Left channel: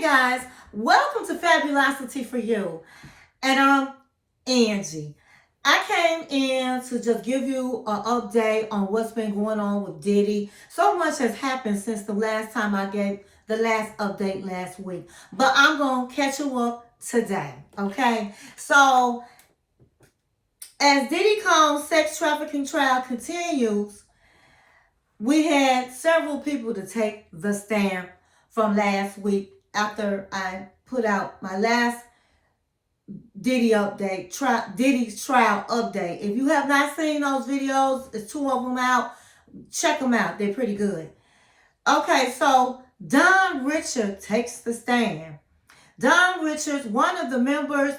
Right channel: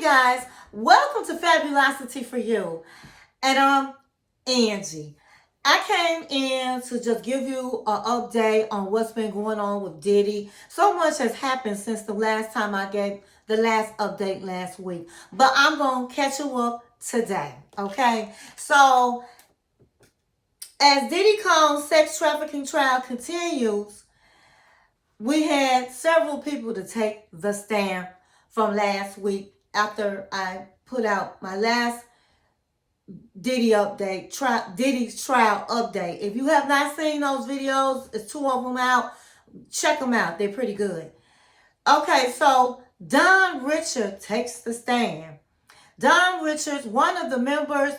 Hey guys, welcome to Fabulosity for you. And I'm Angie. I came in to just give you an update on what's been going on with Diddy. So much has happened since the last time I gave the last update last week. But I'm going to catch you up today, okay? So, as Diddy Kane's sex trafficking trial continues, we had several people to take the stand from last week after I put out my last Diddy update, Diddy's trial update. If you have not seen those videos, it's two of them out. Check them out. They're pretty good. Okay, so Don Richard takes the stand. Don Richards, one of the members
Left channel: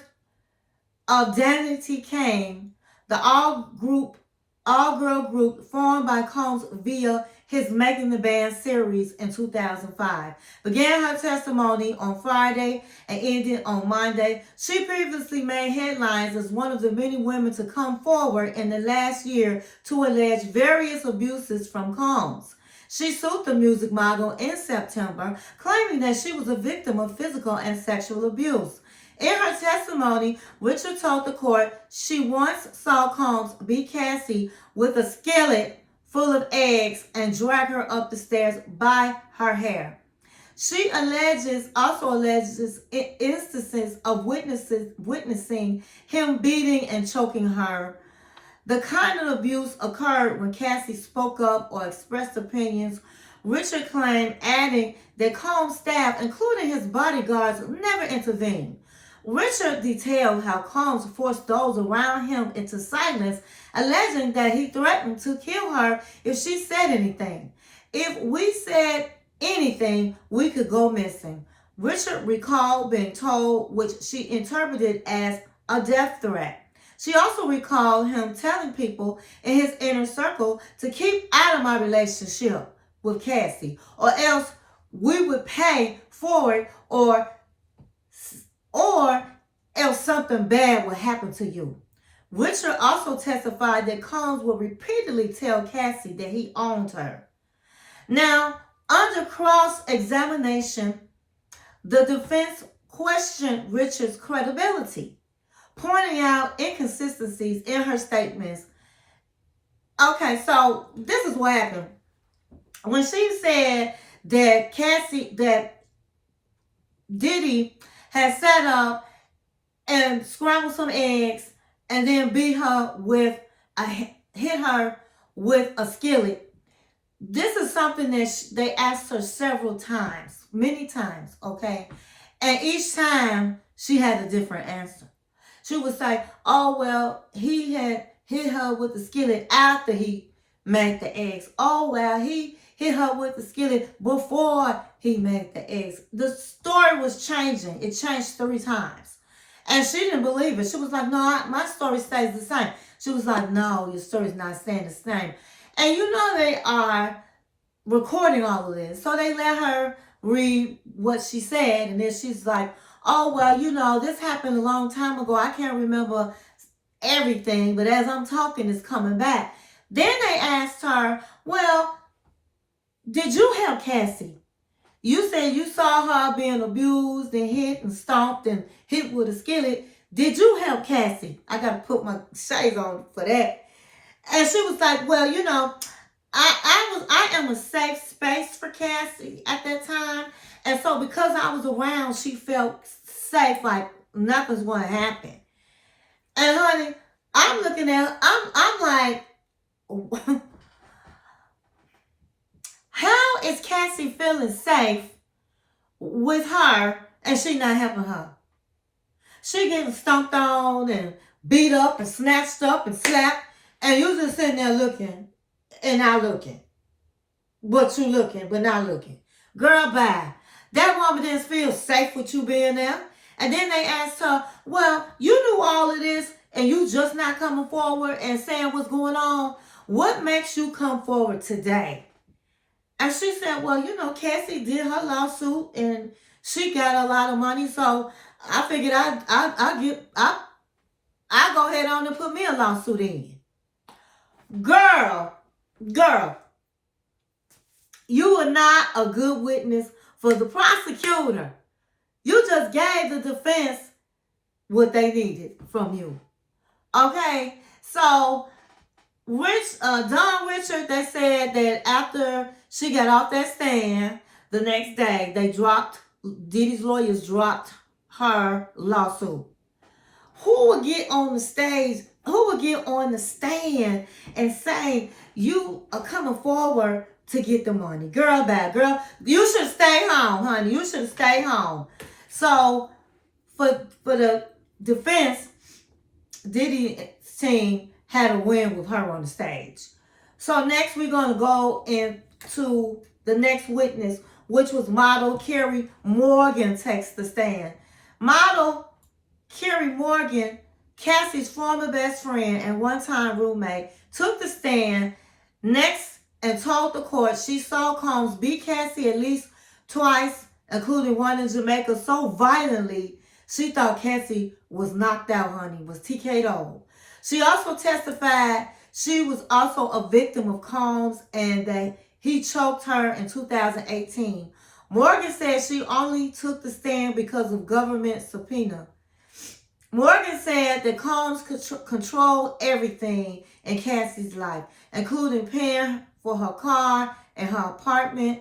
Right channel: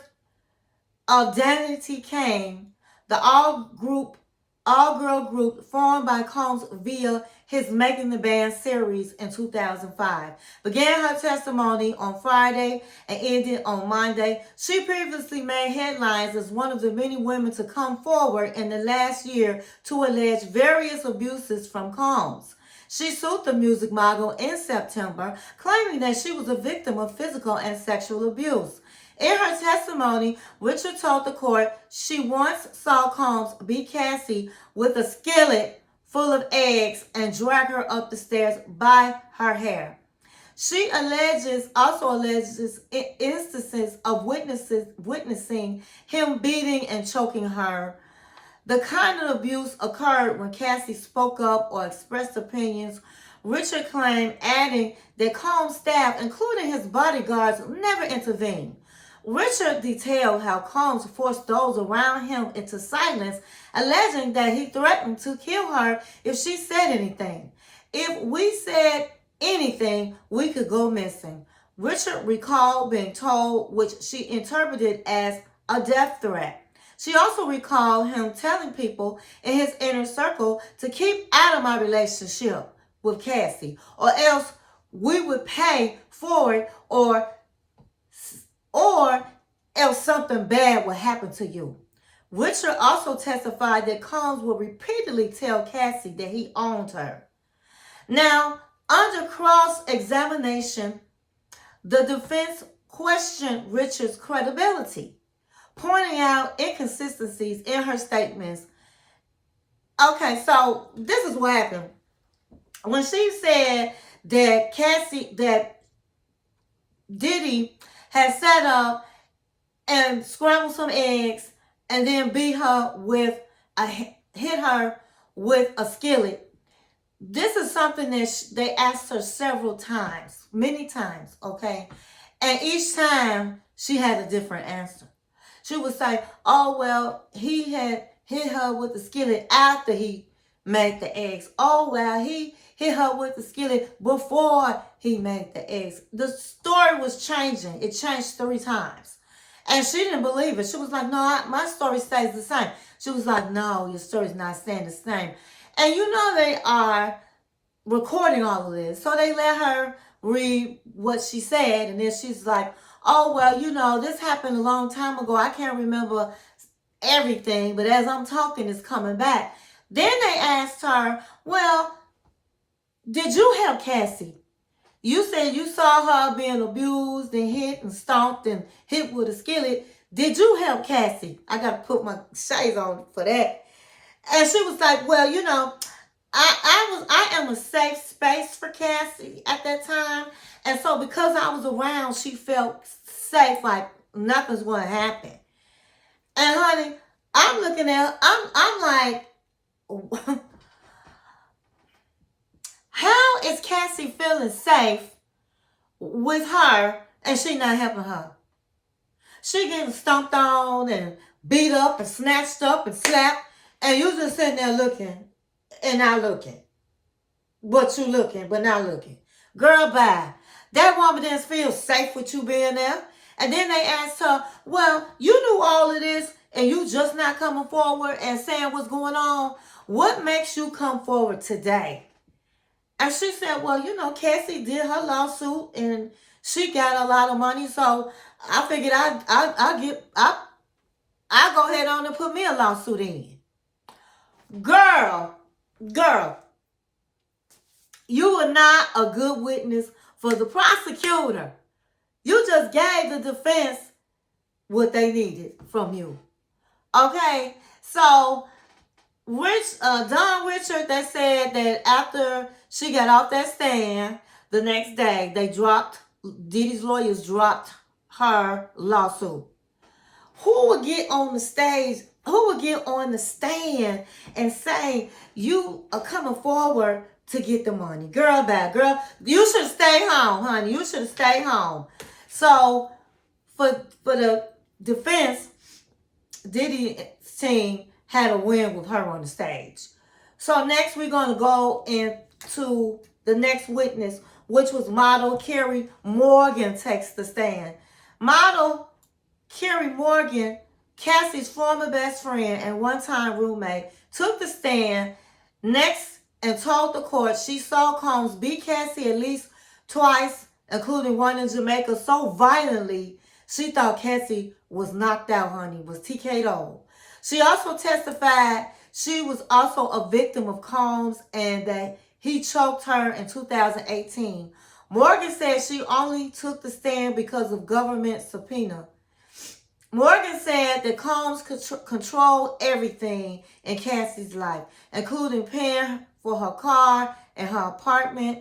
of Danity Kane, the all-girl group formed by Combs via his Making the Band series in 2005. Began her testimony on Friday and ended on Monday. She previously made headlines as one of the many women to come forward in the last year to allege various abuses from Combs. She sued the music mogul in September, claiming that she was a victim of physical and sexual abuse. In her testimony, Richard told the court she once saw Combs beat Cassie with a skillet full of eggs and drag her up the stairs by her hair. She also alleges instances of witnessing him beating and choking her. The kind of abuse occurred when Cassie spoke up or expressed opinions. Richard claimed, adding that Combs' staff, including his bodyguards, never intervened. Richard detailed how Combs forced those around him into silence, alleging that he threatened to kill her if she said anything. If we said anything, we could go missing. Richard recalled being told, which she interpreted as a death threat. She also recalled him telling people in his inner circle to keep out of my relationship with Cassie, or else we would pay for it, or else something bad will happen to you. Richard also testified that Combs would repeatedly tell Cassie that he owned her. Now, under cross-examination, the defense questioned Richard's credibility, pointing out inconsistencies in her statements. Okay, so this is what happened. When she said that Diddy had set up and scrambled some eggs and then hit her with a skillet. This is something that they asked her several times, many times, okay? And each time she had a different answer. She would say, oh, well, he had hit her with the skillet after he made the eggs. Oh, well, he hit her with the skillet before he made the eggs. The story was changing. It changed 3 times. And she didn't believe it. She was like, no, my story stays the same. She was like, no, your story's not staying the same. And you know they are recording all of this. So they let her read what she said. And then she's like, oh, well, you know, this happened a long time ago. I can't remember everything. But as I'm talking, it's coming back. Then they asked her, well, did you help Cassie? You said you saw her being abused and hit and stomped and hit with a skillet. Did you help Cassie? I got to put my shades on for that. And she was like, well, you know, I am a safe space for Cassie at that time. And so because I was around, she felt safe, like nothing's going to happen. And honey, I'm looking at her, I'm like, how is Cassie feeling safe with her and she not helping her? She getting stomped on and beat up and snatched up and slapped, and you just sitting there looking and not looking. But you looking, but not looking. Girl, bye. That woman didn't feel safe with you being there. And then they asked her, well, you knew all of this and you just not coming forward and saying what's going on. What makes you come forward today? And she said, well, you know, Cassie did her lawsuit and she got a lot of money. So I figured I'll go ahead on and put me a lawsuit in. Girl, you are not a good witness for the prosecutor You just gave the defense what they needed from you. Okay? So, Don Richard, they said that after she got off that stand, the next day, Diddy's lawyers dropped her lawsuit. Who would get on the stage, who would get on the stand and say, you are coming forward to get the money? Girl, bad girl. You should stay home, honey. You should stay home. So, for the defense, Diddy's team had a win with her on the stage. So next we're going to go into the next witness, which was model Carrie Morgan takes the stand. Model Carrie Morgan, Cassie's former best friend and one-time roommate, took the stand next and told the court she saw Combs beat Cassie at least twice, including one in Jamaica, so violently she thought Cassie was knocked out, honey, was TK'd. She also testified she was also a victim of Combs and that he choked her in 2018. Morgan said she only took the stand because of government subpoena. Morgan said that Combs controlled everything in Cassie's life, including paying for her car and her apartment.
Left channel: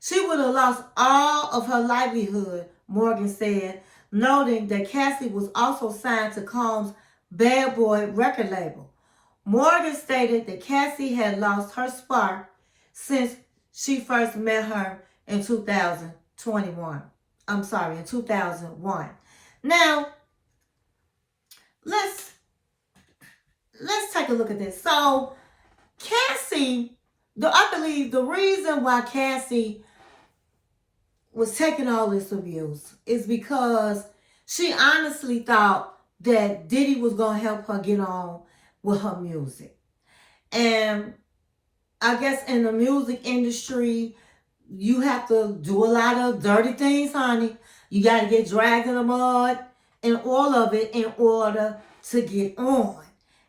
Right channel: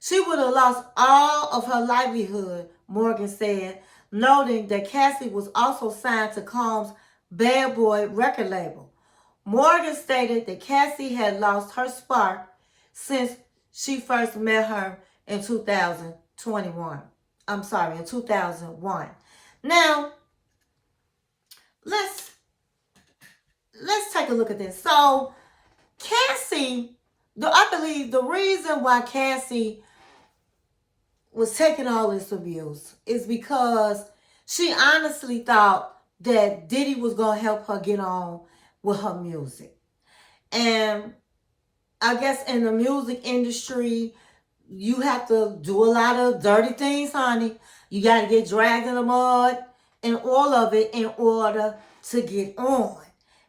She would have lost all of her livelihood, Morgan said, noting that Cassie was also signed to Combs' Bad Boy record label. Morgan stated that Cassie had lost her spark since she first met her in 2021. In 2001. Now, let's take a look at this. So, Cassie, I believe the reason why Cassie was taking all this abuse is because she honestly thought that Diddy was going to help her get on with her music. And I guess in the music industry, you have to do a lot of dirty things, honey. You got to get dragged in the mud and all of it in order to get on.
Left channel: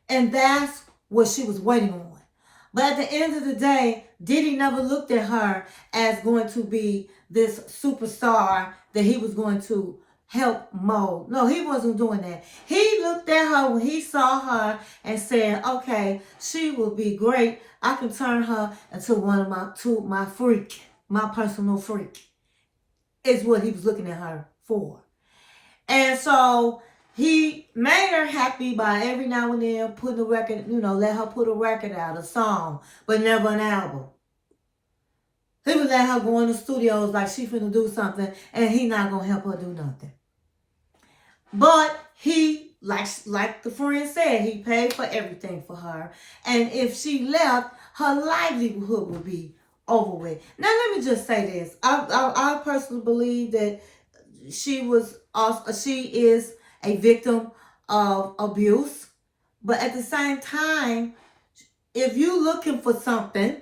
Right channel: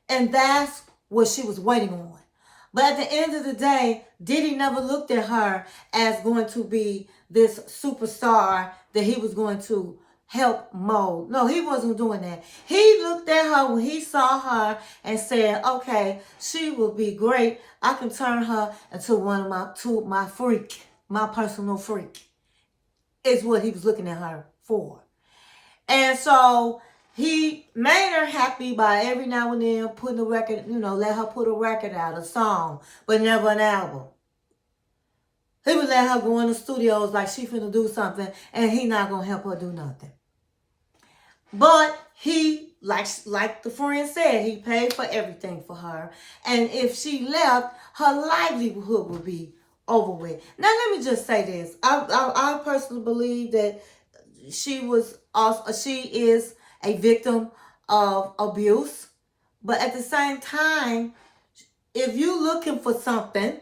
And that's what she was waiting on. But at the end of the day, Diddy never looked at her as going to be this superstar that he was going to help mold. No, he wasn't doing that. He looked at her when he saw her and said, okay, she will be great. I can turn her into my freak, my personal freak, is what he was looking at her for. And so he made her happy by every now and then putting a record, let her put a record out, a song, but never an album. He would let her go in the studios like she finna do something, and he not gonna help her do nothing. But he, like the friend said, he paid for everything for her. And if she left, her livelihood would be over with. Now, let me just say this. I personally believe that she is a victim of abuse. But at the same time, if you looking for something,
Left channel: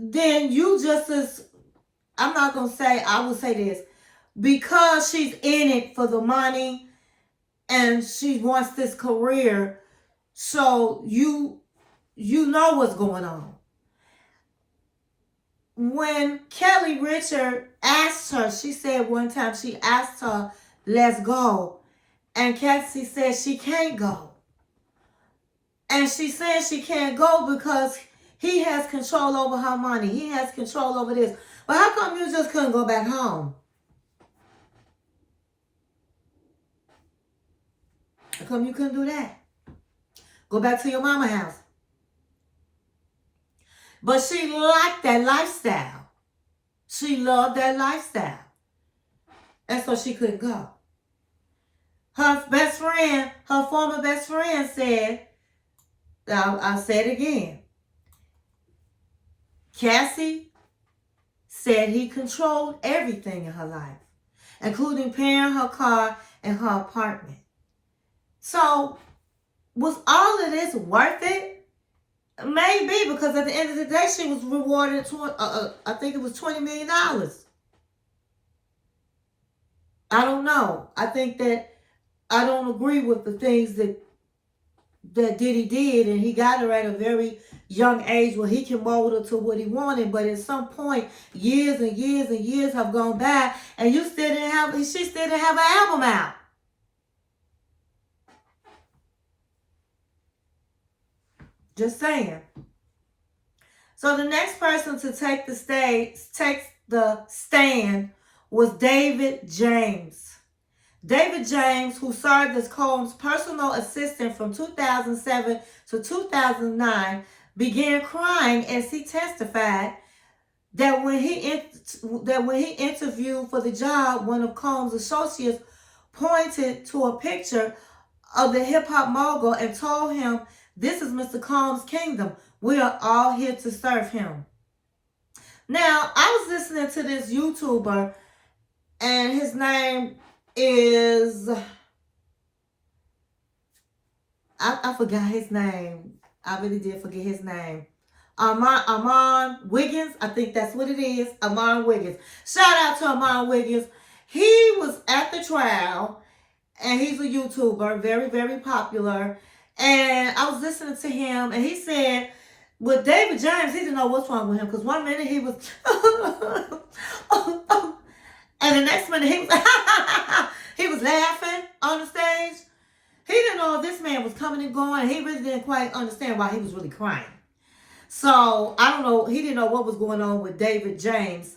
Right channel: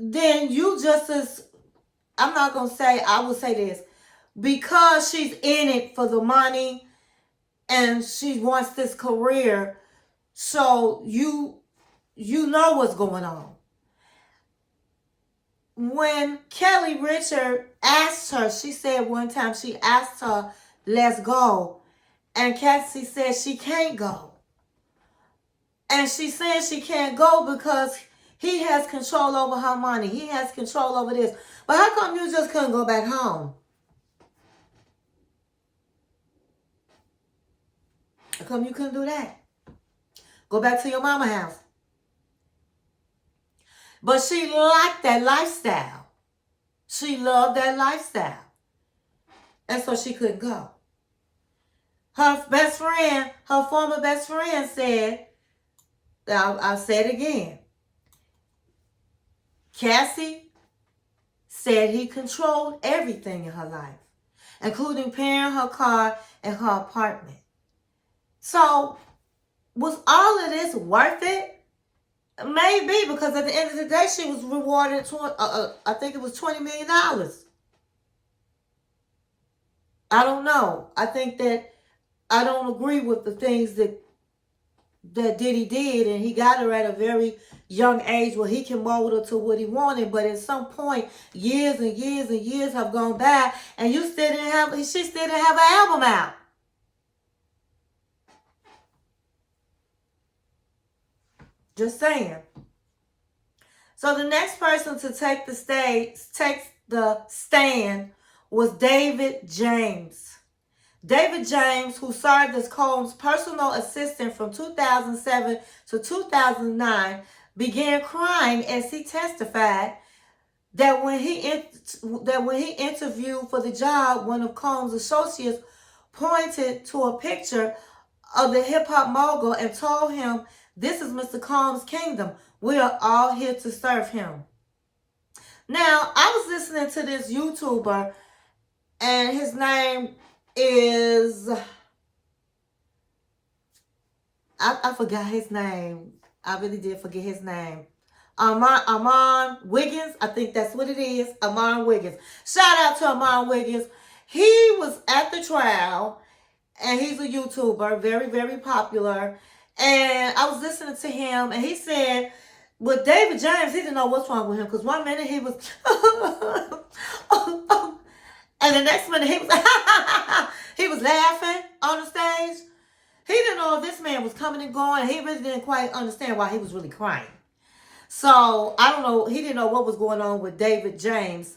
then you just as, I would say this, because she's in it for the money and she wants this career, so you know what's going on. When Kelly Richard asked her, she said one time she asked her, let's go. And Cassie said she can't go. And she said she can't go because he has control over her money. He has control over this. But how come you just couldn't go back home? How come you couldn't do that? Go back to your mama's house. But she liked that lifestyle. She loved that lifestyle. And so she couldn't go. Her best friend, her former best friend said, I'll say it again. Cassie said he controlled everything in her life, including paying her car and her apartment. So, was all of this worth it? Maybe, because at the end of the day, she was rewarded, I think it was $20 million. I don't know. I think that I don't agree with the things that Diddy did, and he got her at a very young age where he can mold her to what he wanted. But at some point, years and years and years have gone by, and she still didn't have an album out. Just saying. So the next person to take the stand was David James. David James, who served as Combs' personal assistant from 2007 to 2009, began crying as he testified that when he interviewed for the job, one of Combs' associates pointed to a picture of the hip-hop mogul and told him, "This is Mr. Combs' kingdom. We are all here to serve him." Now, I was listening to this YouTuber, and his name is, I forgot his name. I really did forget his name. Amon Wiggins. I think that's what it is. Amon Wiggins. Shout out to Amon Wiggins. He was at the trial, and he's a YouTuber, very, very popular. And I was listening to him, and he said, with David James, he didn't know what's wrong with him, because one minute he was, and the next minute he was laughing on the stage. He didn't know if this man was coming and going, and he really didn't quite understand why he was really crying. So, I don't know, he didn't know what was going on with David James,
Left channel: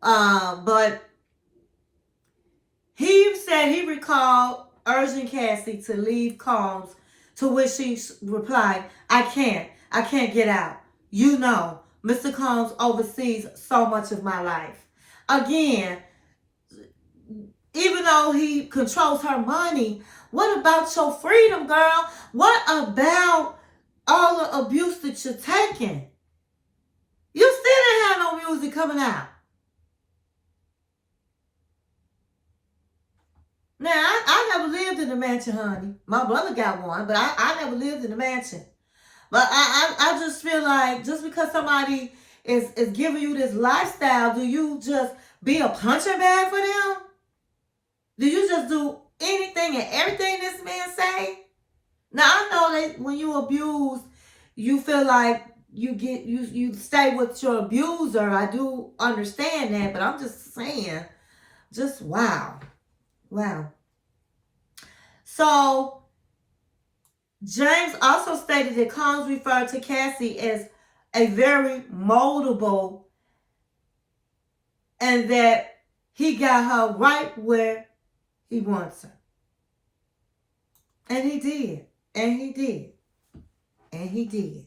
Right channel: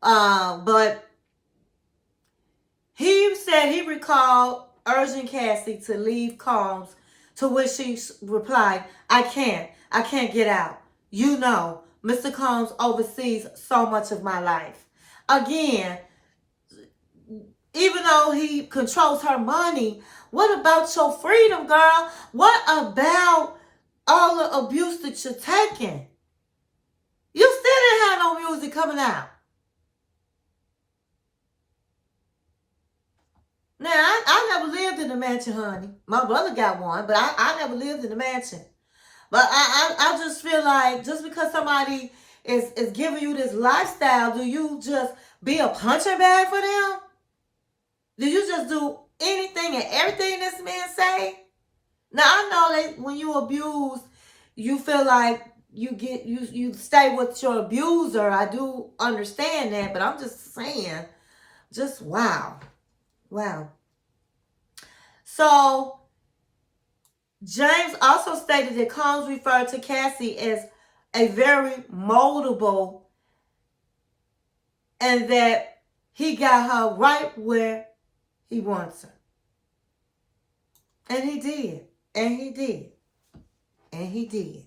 but he said he recalled urging Cassie to leave Combs, to which she replied, I can't get out. You know, Mr. Combs oversees so much of my life." Again, even though he controls her money, what about your freedom, girl? What about all the abuse that you're taking? You still didn't have no music coming out. Now, I never lived in a mansion, honey. My brother got one, but I never lived in a mansion. But I just feel like just because somebody is giving you this lifestyle, do you just be a punching bag for them? Do you just do anything and everything this man say? Now, I know that when you abuse, you feel like you stay with your abuser. I do understand that, but I'm just saying, just wow. Wow. So, James also stated that Combs referred to Cassie as a very moldable, and that he got her right where he wants her. And he did. And he did. And he did.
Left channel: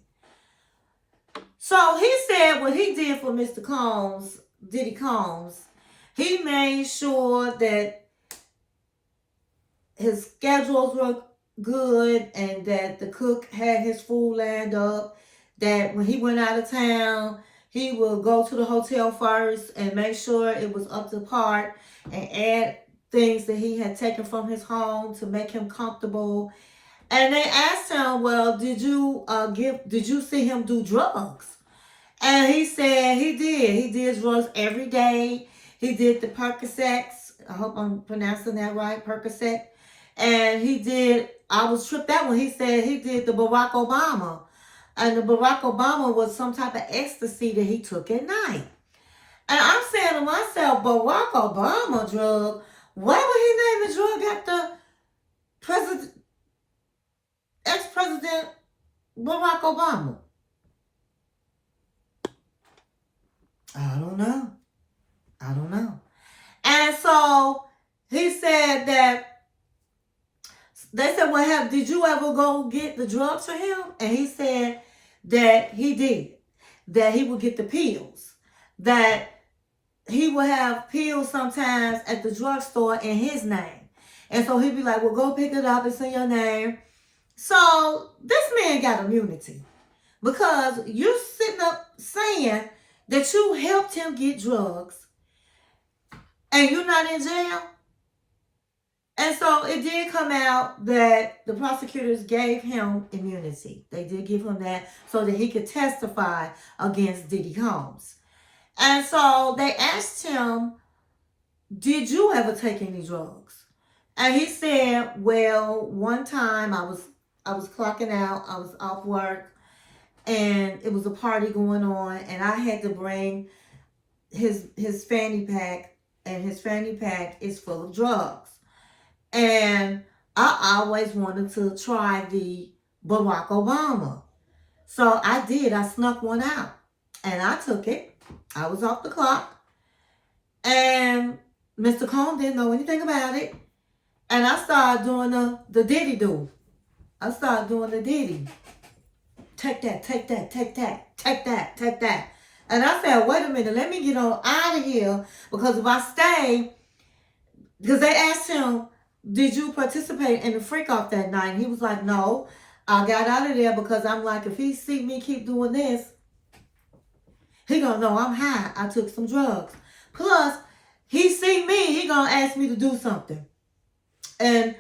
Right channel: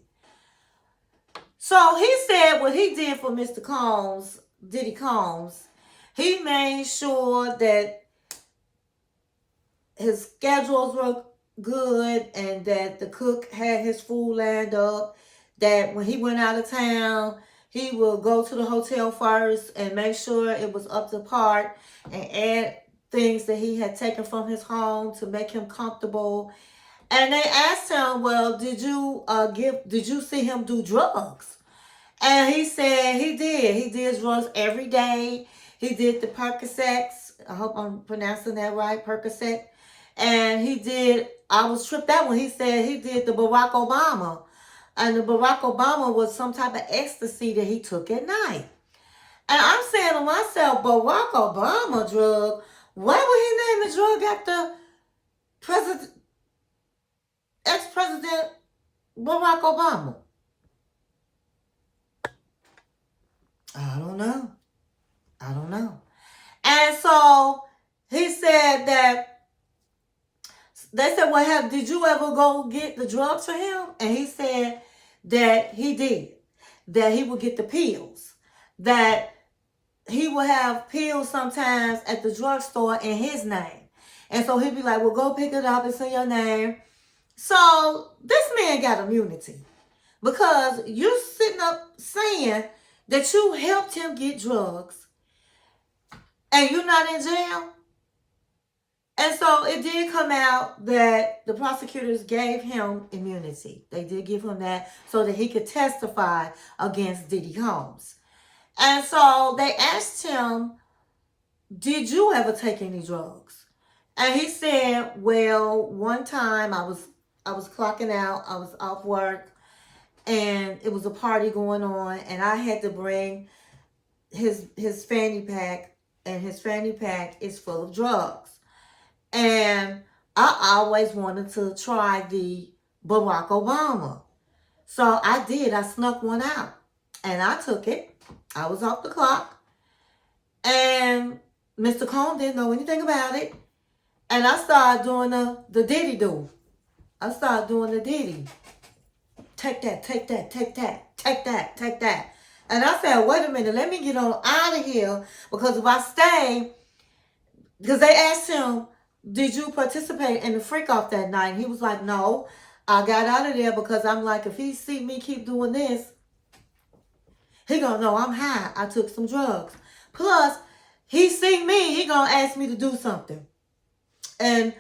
So he said what he did for Mr. Combs, Diddy Combs, he made sure that his schedules were good and that the cook had his food lined up, that when he went out of town, he would go to the hotel first and make sure it was up to par and add things that he had taken from his home to make him comfortable. And they asked him, well, did you see him do drugs? And he said he did. He did drugs every day. He did the Percocets. I hope I'm pronouncing that right, Percocet. And he did, I was tripped out when he said he did the Barack Obama. And the Barack Obama was some type of ecstasy that he took at night. And I'm saying to myself, Barack Obama drug, why would he name the drug after ex-president Barack Obama? I don't know. And so he said that, they said, well, did you ever go get the drugs for him? And he said that he did. That he would get the pills. That he would have pills sometimes at the drugstore in his name. And so he'd be like, well, go pick it up. It's in your name. So this man got immunity. Because you sitting up saying that you helped him get drugs and you're not in jail. And so it did come out that the prosecutors gave him immunity. They did give him that so that he could testify against Diddy Combs. And so they asked him, did you ever take any drugs? And he said, well, one time I was I was clocking out. I was off work, and it was a party going on, and I had to bring his fanny pack, and his fanny pack is full of drugs. And I always wanted to try the Barack Obama. So I did. I snuck one out, and I took it. I was off the clock, and Mr. Combs didn't know anything about it. And I started doing the Diddy do. I started doing the Diddy. Take that, take that, take that, take that, take that. And I said, wait a minute, let me get on out of here. Because if I stay, because they asked him, did you participate in the freak off that night? And he was like, no, I got out of there because I'm like, if he see me keep doing this, he gonna know I'm high. I took some drugs. Plus, he see me, he gonna ask me to do something. And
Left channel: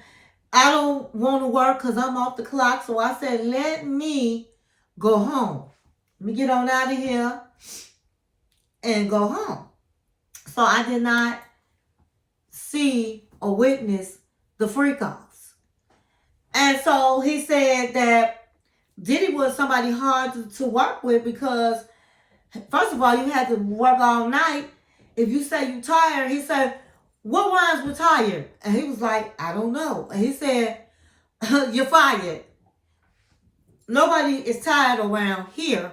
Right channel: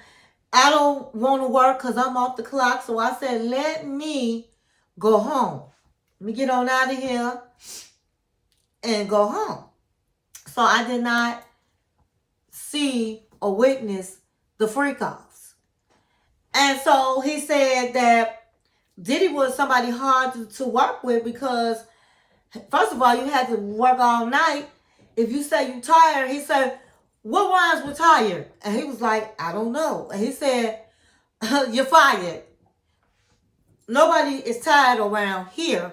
I don't want to work because I'm off the clock. So I said, let me go home. Let me get on out of here and go home. So I did not see or witness the freak-offs. And so he said that Diddy was somebody hard to work with because, first of all, you had to work all night. If you say you tired, he said, what rhymes with tired? And he was like, I don't know. And he said, you're fired. Nobody is tired around here.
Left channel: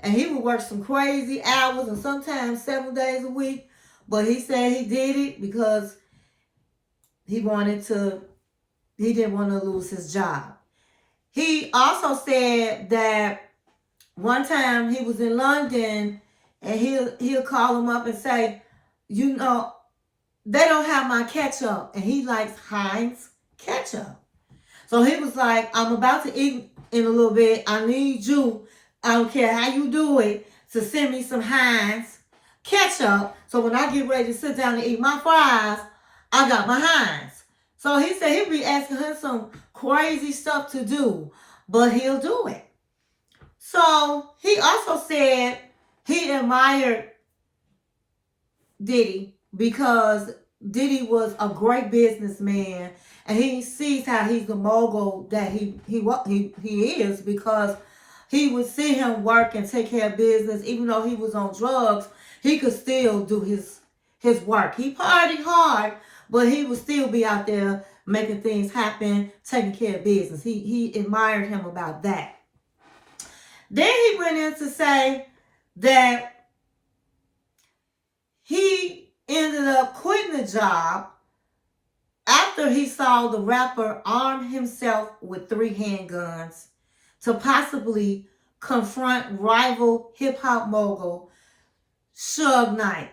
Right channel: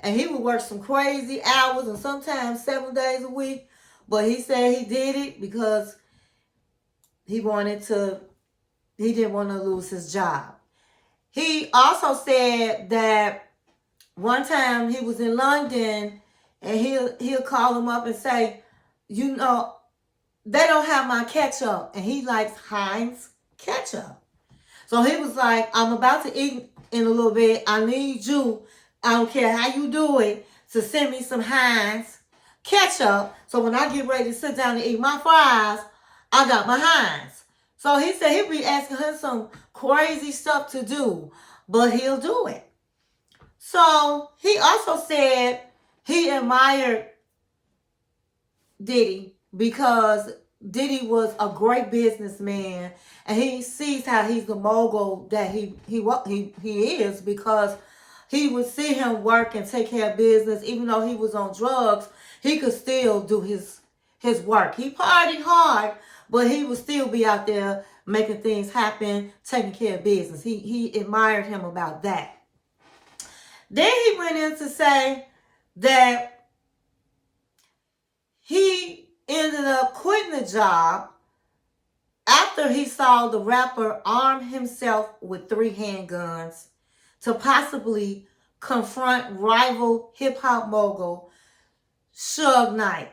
And he would work some crazy hours and sometimes 7 days a week. But he said he did it because he didn't want to lose his job. He also said that one time he was in London and he'll call him up and say, you know, they don't have my ketchup. And he likes Heinz ketchup. So he was like, I'm about to eat in a little bit. I need you, I don't care how you do it, to send me some Heinz ketchup. So when I get ready to sit down and eat my fries, I got my Heinz. So he said he'll be asking her some crazy stuff to do, but he'll do it. So he also said he admired Diddy because Diddy was a great businessman, and he sees how he's the mogul that he is, because he would see him work and take care of business. Even though he was on drugs, he could still do his work. He partied hard, but he would still be out there making things happen, taking care of business. He admired him about that. Then he went in to say that he ended up quitting the job after he saw the rapper arm himself with 3 handguns to possibly confront rival hip-hop mogul Suge Knight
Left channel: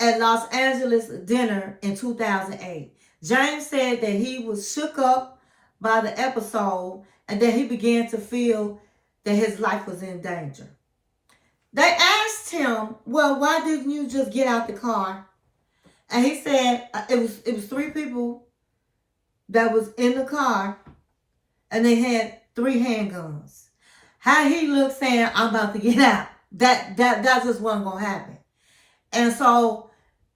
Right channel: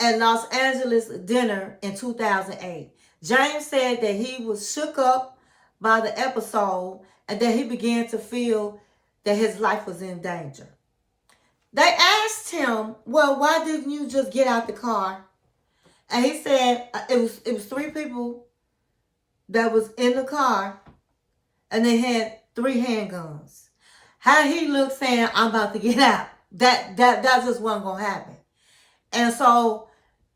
at Los Angeles dinner in 2008. James said that he was shook up by the episode and that he began to feel that his life was in danger. They asked him, well, why didn't you just get out the car? And he said it was 3 people that was in the car, and they had 3 handguns. How he looked saying, I'm about to get out. That just wasn't going to happen. And so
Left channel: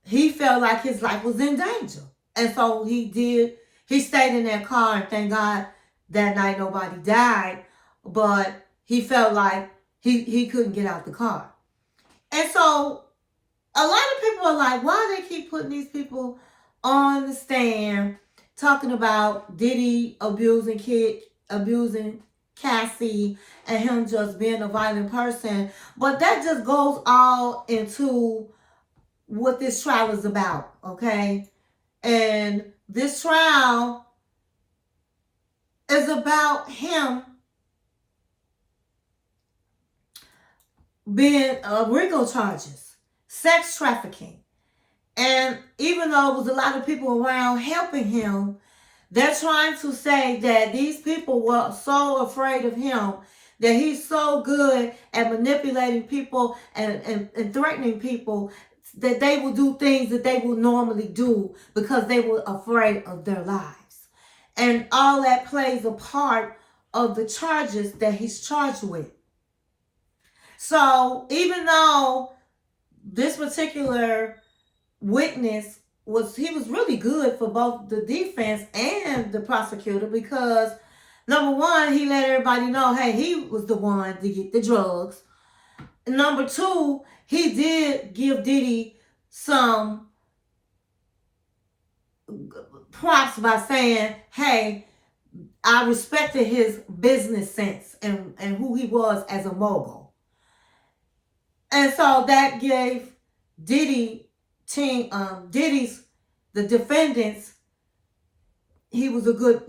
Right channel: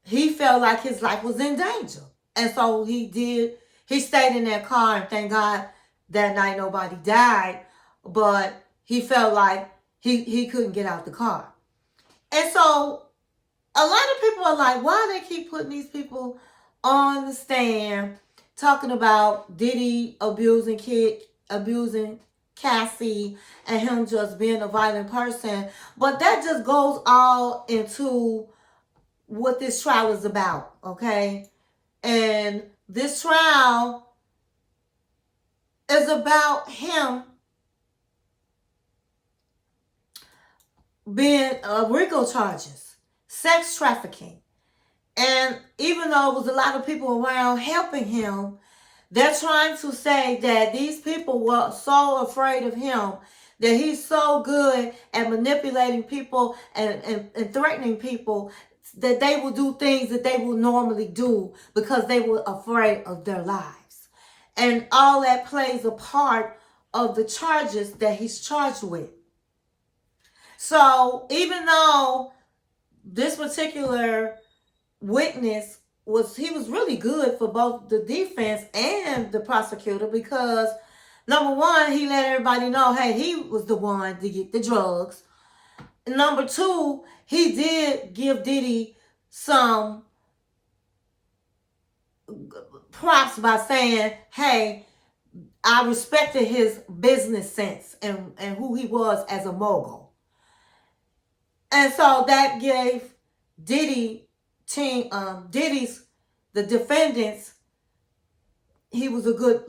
he felt like his life was in danger. And so he stayed in that car, and thank God that night nobody died. But he felt like he couldn't get out the car. And so a lot of people are like, why they keep putting these people on the stand talking about Diddy abusing Cassie and him just being a violent person. But that just goes all into what this trial is about, okay? And this trial is about him being RICO charges, sex trafficking. And even though there was a lot of people around helping him, they're trying to say that these people were so afraid of him, that he's so good at manipulating people and threatening people, that they will do things that they will normally do because they were afraid of their lives. And all that plays a part of the charges that he's charged with. So even though this particular witness was really good for both the defense and the prosecutor, because Number one, he let everybody know, hey, he was the one to get the drugs. Number two, he did give Diddy some props by saying, hey, I respected his business sense and who he was as a mogul. And so that gave Diddy's, the defendants, he was a good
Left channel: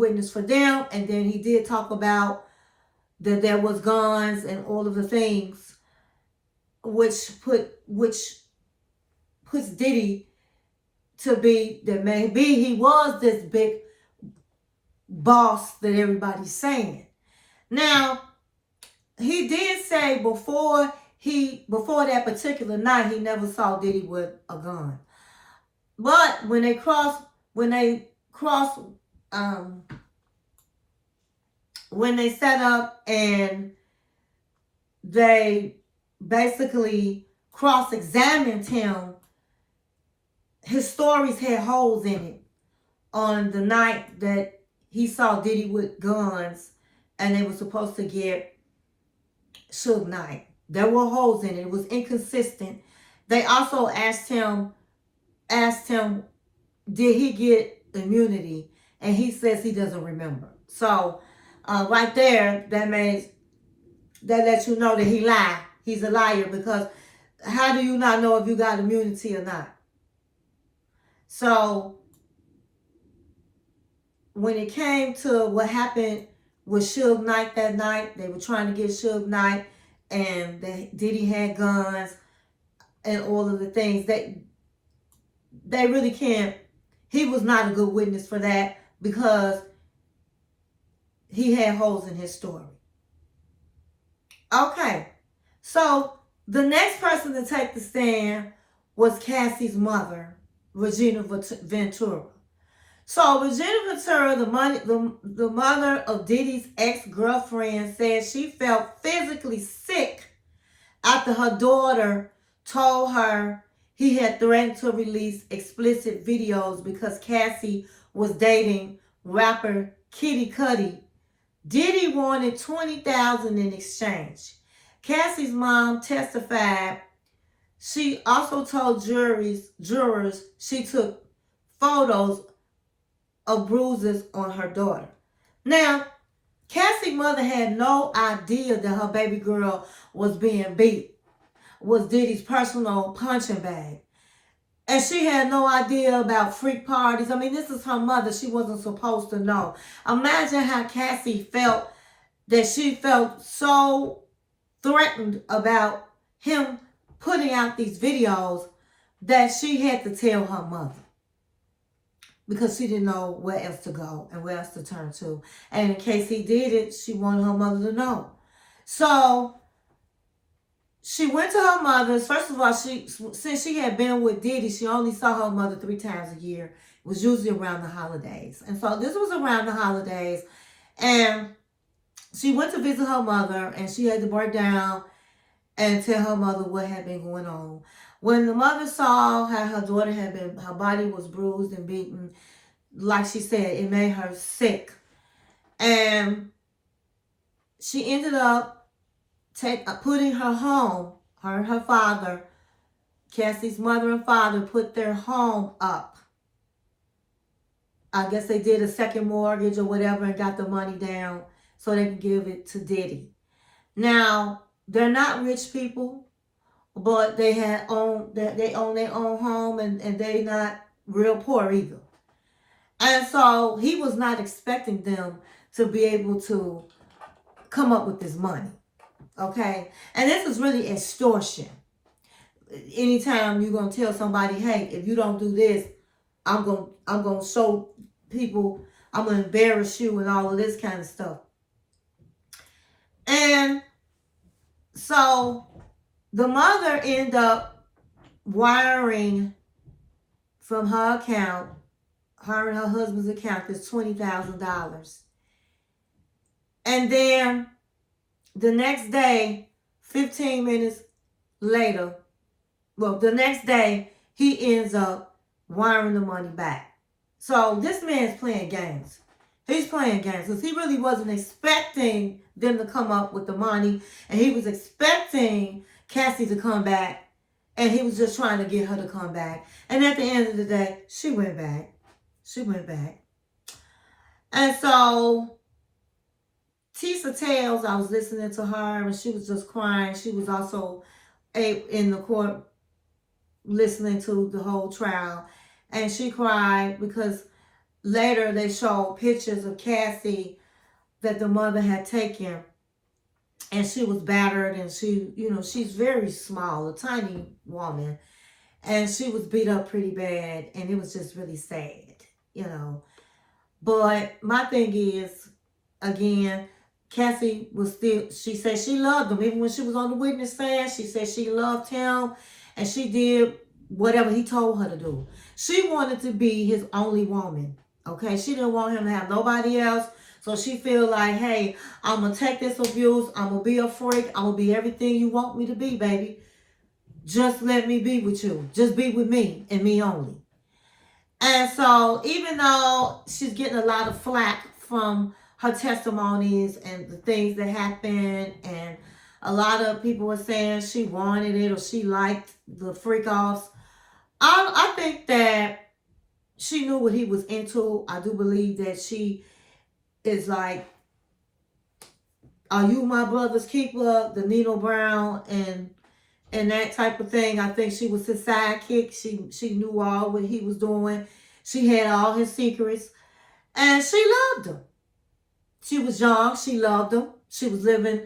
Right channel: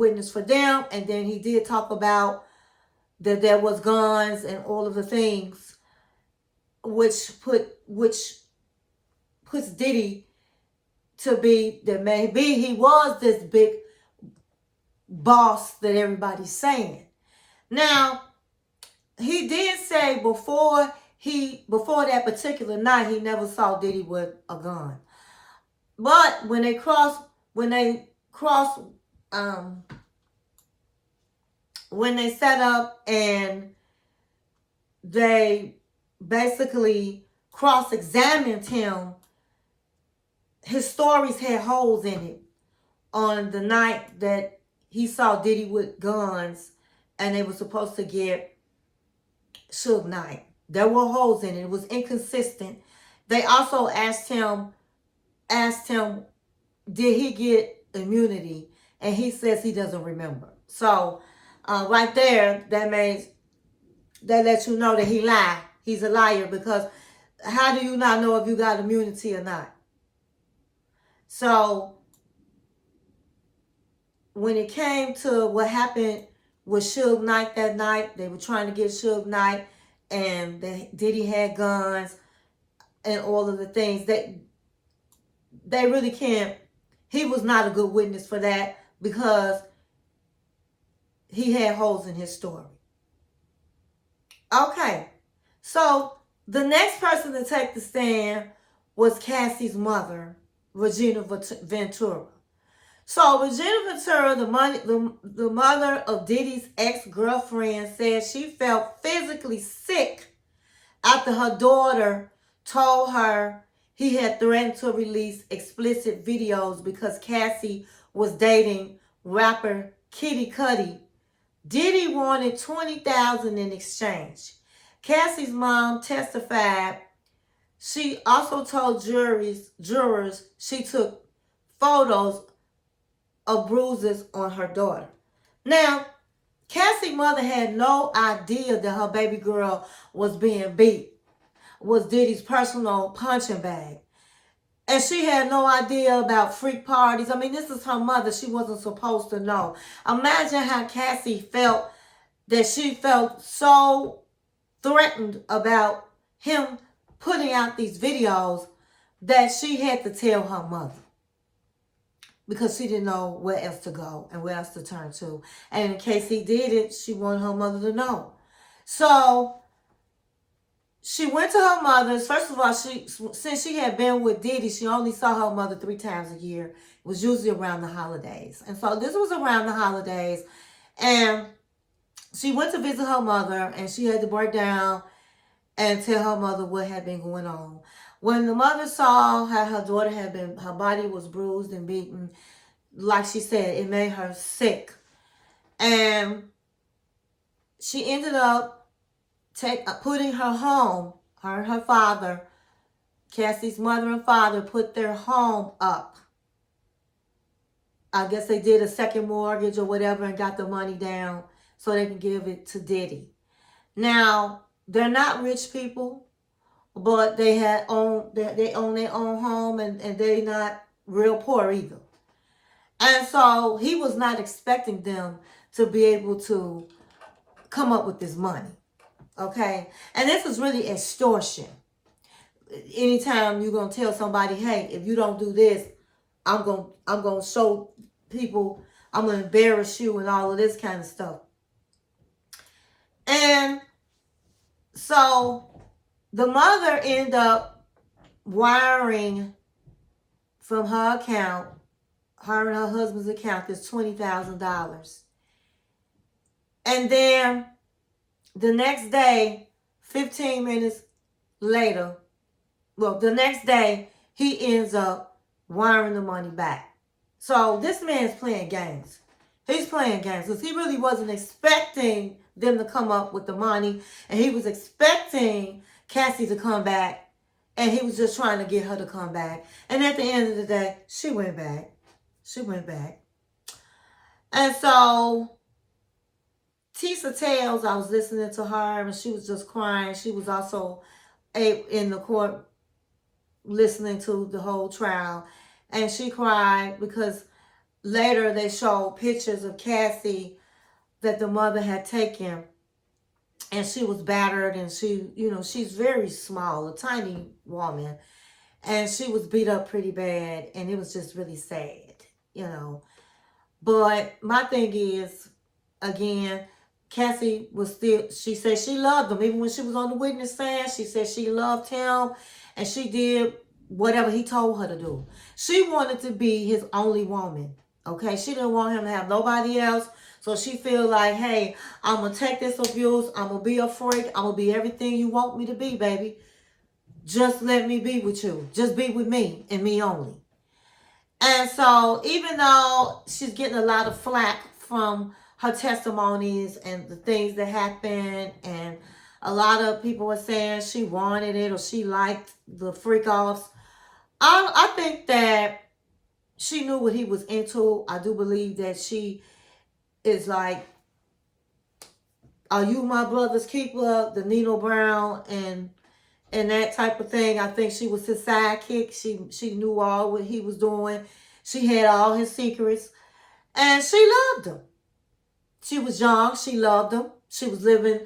witness for them. And then he did talk about that there was guns and all of the things, which puts Diddy to be that maybe he was this big boss that everybody's saying. Now, he did say before that particular night, he never saw Diddy with a gun. But when they set up and they basically cross-examined him, his stories had holes in it on the night that he saw Diddy with guns and they were supposed to get Suge Knight. There were holes in it. It was inconsistent. They also asked him, did he get immunity? And he says he doesn't remember. So right there, that lets you know that he lied. He's a liar, because how do you not know if you got immunity or not? So when it came to what happened with Suge Knight that night, they were trying to get Suge Knight, and Diddy had guns and all of the things. They really can't. He was not a good witness for that, because he had holes in his story. Okay, so the next person to take the stand was Cassie's mother, Regina Ventura. So Regina Ventura, the mother of Diddy's ex-girlfriend, said she felt physically sick after her daughter told her he had threatened to release explicit videos because Cassie was dating rapper Kid Cudi. Diddy wanted $20,000 in exchange. Cassie's mom testified. She also told jurors she took photos of bruises on her daughter. Now, Cassie's mother had no idea that her baby girl was being beat, was Diddy's personal punching bag. And she had no idea about freak parties. I mean, this is her mother. She wasn't supposed to know. Imagine how Cassie felt, that she felt so threatened about him putting out these videos that she had to tell her mother, because she didn't know where else to go and where else to turn to. And in case he did it, she wanted her mother to know. So she went to her mother's. First of all, since she had been with Diddy, she only saw her mother 3 times a year. It was usually around the holidays. And so this was around the holidays. And she went to visit her mother, and she had to break down and tell her mother what had been going on. When the mother saw how her daughter her body was bruised and beaten, like she said, it made her sick. And she ended up putting her home, her and her father, Cassie's mother and father, put their home up. I guess they did a second mortgage or whatever and got the money down so they can give it to Diddy. Now, they're not rich people, but they own their own home, and they not real poor either. And so he was not expecting them to be able to come up with this money. Okay? And this is really extortion. Anytime you're going to tell somebody, hey, if you don't do this, I'm going to show people, I'm going to embarrass you and all of this kind of stuff. And so the mother ended up wiring from her account, her and her husband's account, is $20,000. And then the next day, 15 minutes later, the next day, he ends up wiring the money back. So this man's playing games. He's playing games because he really wasn't expecting them to come up with the money, and he was expecting Cassie to come back, and he was just trying to get her to come back. And at the end of the day, she went back. She went back. And so Tisa tells, I was listening to her, and she was just crying. She was also in the court listening to the whole trial, and she cried because later they showed pictures of Cassie that the mother had taken, and she was battered, and she, you know, she's very small, a tiny woman, and she was beat up pretty bad, and it was just really sad, you know. But my thing is, again, Cassie was still, she said she loved him. Even when she was on the witness stand, she said she loved him, and she did whatever he told her to do. She wanted to be his only woman, okay? She didn't want him to have nobody else. So she feel like, hey, I'm going to take this abuse. I'm going to be a freak. I'm going to be everything you want me to be, baby. Just let me be with you. Just be with me and me only. And so even though she's getting a lot of flack from her testimonies and the things that happened, and a lot of people were saying she wanted it or she liked the freak offs, I think that she knew what he was into. I do believe that she is like, are you my brother's keeper, the Nino Brown and that type of thing. I think she was his sidekick. She knew all what he was doing. She had all his secrets, and she loved him. She was young. She loved him. She was living.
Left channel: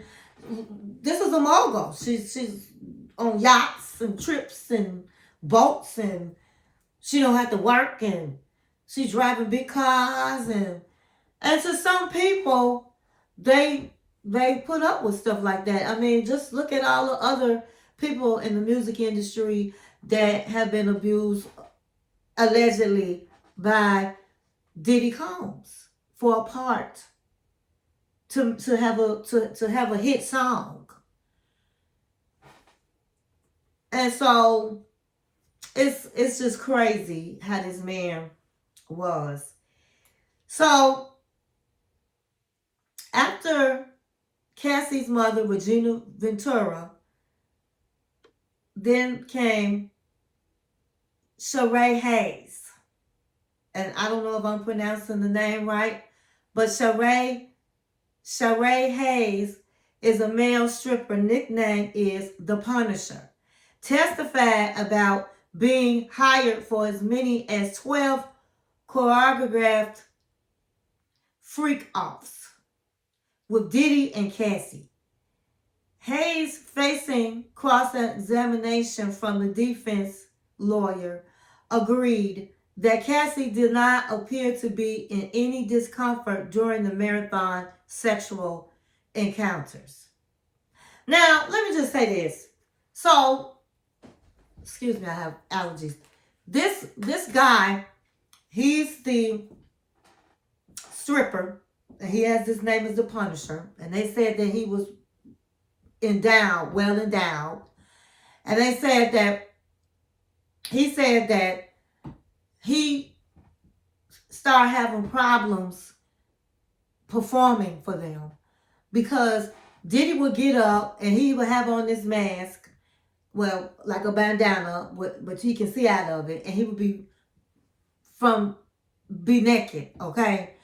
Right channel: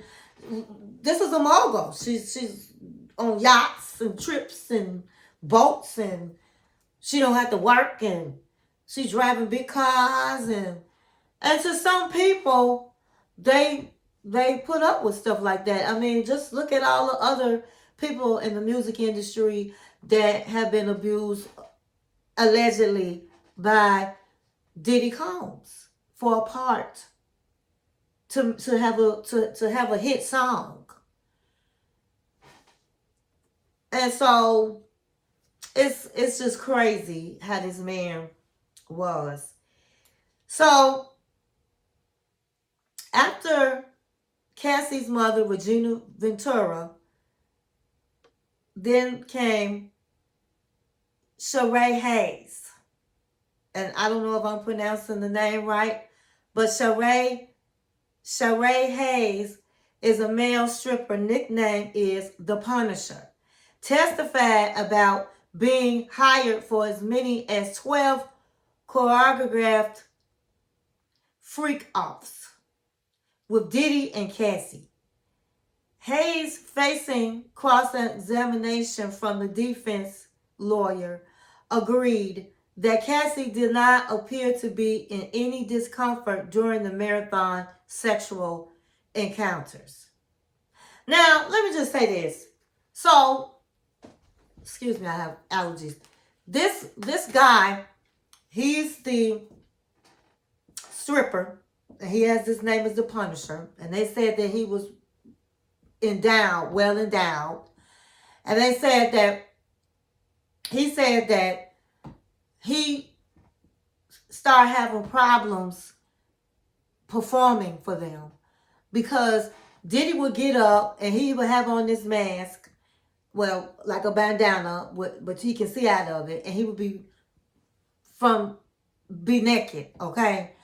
This is a mogul. She's on yachts and trips and boats, and she don't have to work, and she's driving big cars, and to some people, they put up with stuff like that. I mean, just look at all the other people in the music industry that have been abused allegedly by Diddy Combs for a part to have a hit song. And so it's just crazy how this man was. So after Cassie's mother, Regina Ventura, then came Sharay Hayes. And I don't know if I'm pronouncing the name right, but Sharay Hayes is a male stripper. Nickname is The Punisher. Testified about being hired for as many as 12 choreographed freak offs with Diddy and Cassie. Hayes, facing cross-examination from the defense lawyer, agreed that Cassie did not appear to be in any discomfort during the marathon sexual encounters. Now, let me just say this. So, excuse me, I have allergies. This guy, he's the stripper, and he has this name as The Punisher, and they said that he was endowed, well endowed. And they said that he started having problems performing for them because Diddy would get up and he would have on this mask, well, like a bandana, but you can see out of it, and he would be naked, okay?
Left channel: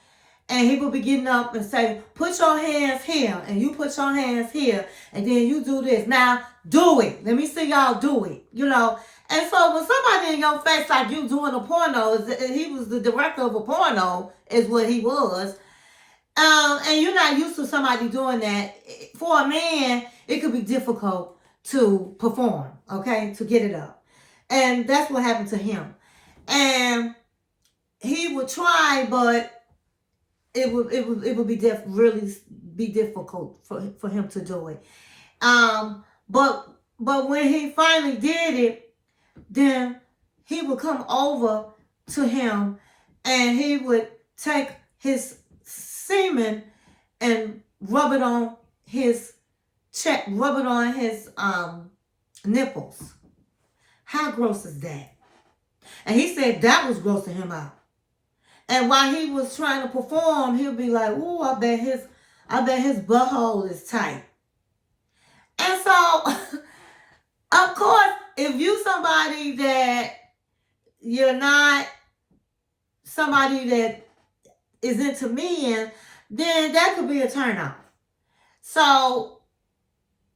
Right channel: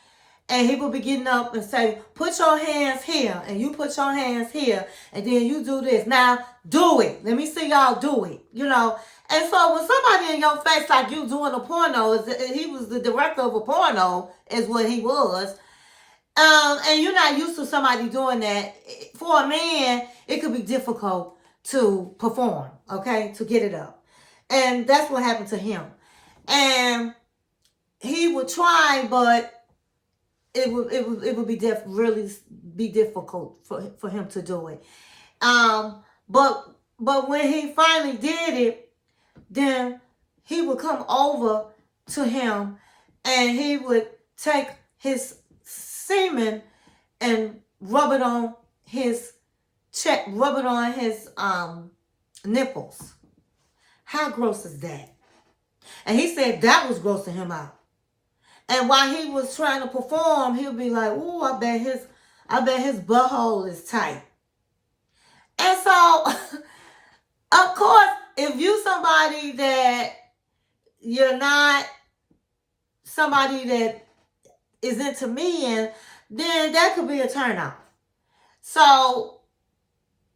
And he would be getting up and say, put your hands here, and you put your hands here, and then you do this. Now, do it. Let me see y'all do it, you know. And so when somebody in your face like you doing a porno, he was the director of a porno, is what he was. And you're not used to somebody doing that. For a man, it could be difficult to perform, okay, to get it up. And that's what happened to him. And he would try, but it would be really be difficult for him to do it. But when he finally did it, then he would come over to him and he would take his semen and rub it on his nipples. How gross is that? And he said that was grossing him out. And while he was trying to perform, he'll be like, "Ooh, I bet his butthole is tight." And so, of course, if you somebody that you're not somebody that is into men, then that could be a turnoff. So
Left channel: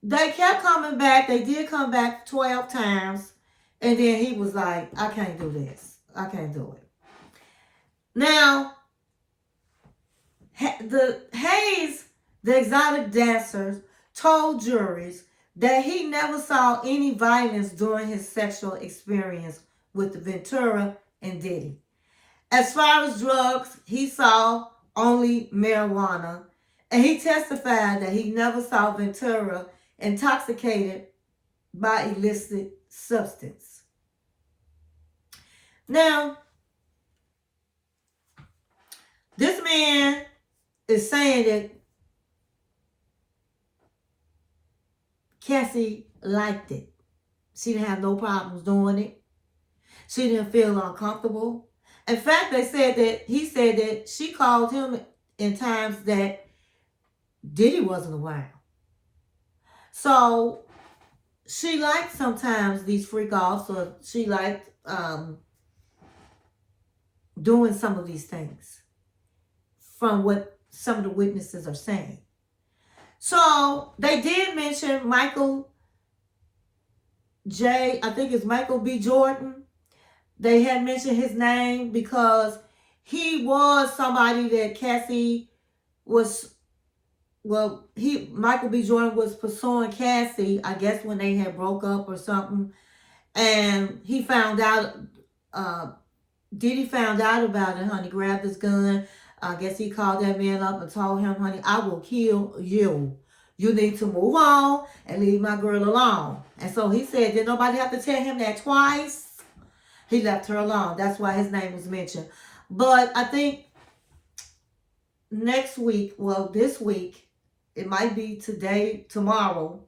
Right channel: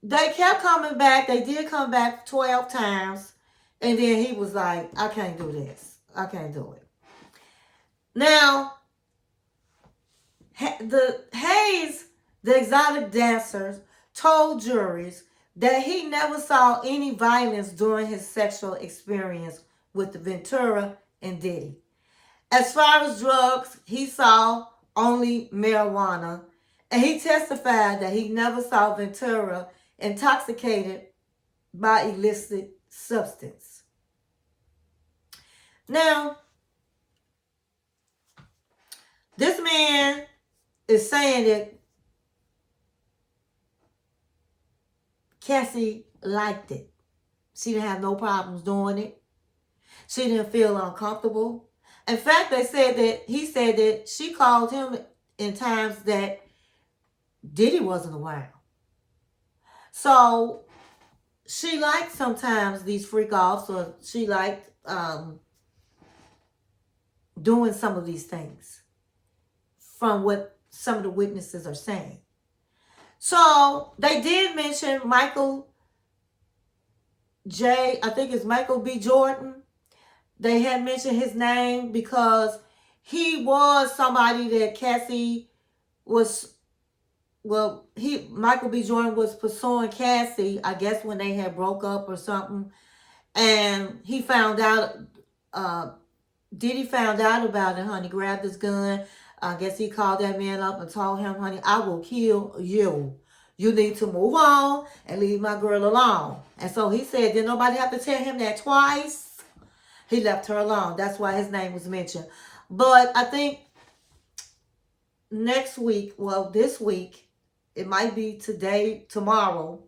they kept coming back. They did come back 12 times. And then he was like, "I can't do this. I can't do it." Now, the Hayes, the exotic dancers, told juries that he never saw any violence during his sexual experience with Ventura and Diddy. As far as drugs, he saw only marijuana, and he testified that he never saw Ventura intoxicated by illicit substance. Now, this man is saying that Cassie liked it. She didn't have no problems doing it. She didn't feel uncomfortable. In fact, he said that she called him in times that Diddy wasn't around. So she liked sometimes these freak offs, or she liked doing some of these things, from what some of the witnesses are saying. So they did mention Michael I think it's Michael B. Jordan. They had mentioned his name because he was somebody that Cassie was, Michael B. Jordan was pursuing Cassie, I guess when they had broke up or something. And he found out, Diddy found out about it, honey, grabbed his gun. I guess he called that man up and told him, "Honey, I will kill you. You need to move on and leave my girl alone." And so he said, did nobody have to tell him that twice? He left her alone. That's why his name was mentioned. But I think next week, this week, it might be today, tomorrow.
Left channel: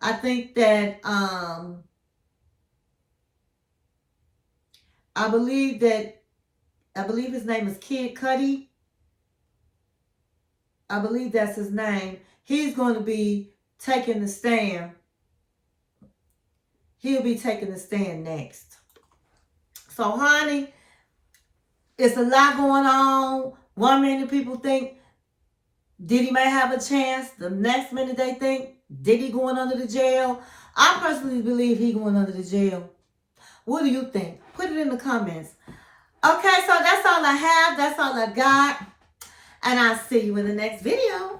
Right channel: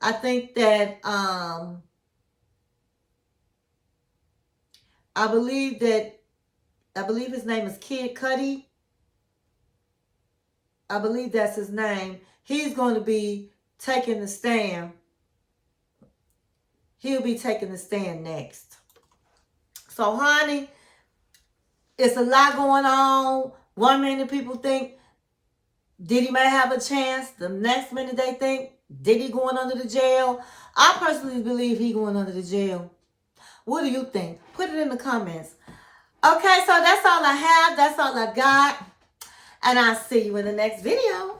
I think that, I believe his name is Kid Cudi. I believe that's his name. He's going to be taking the stand. He'll be taking the stand next. So, honey, it's a lot going on. One minute people think Diddy may have a chance. The next minute they think Diddy going under the jail. I personally believe he going under the jail. What do you think? Put it in the comments. Okay, so that's all I have. That's all I got. And I'll see you in the next video.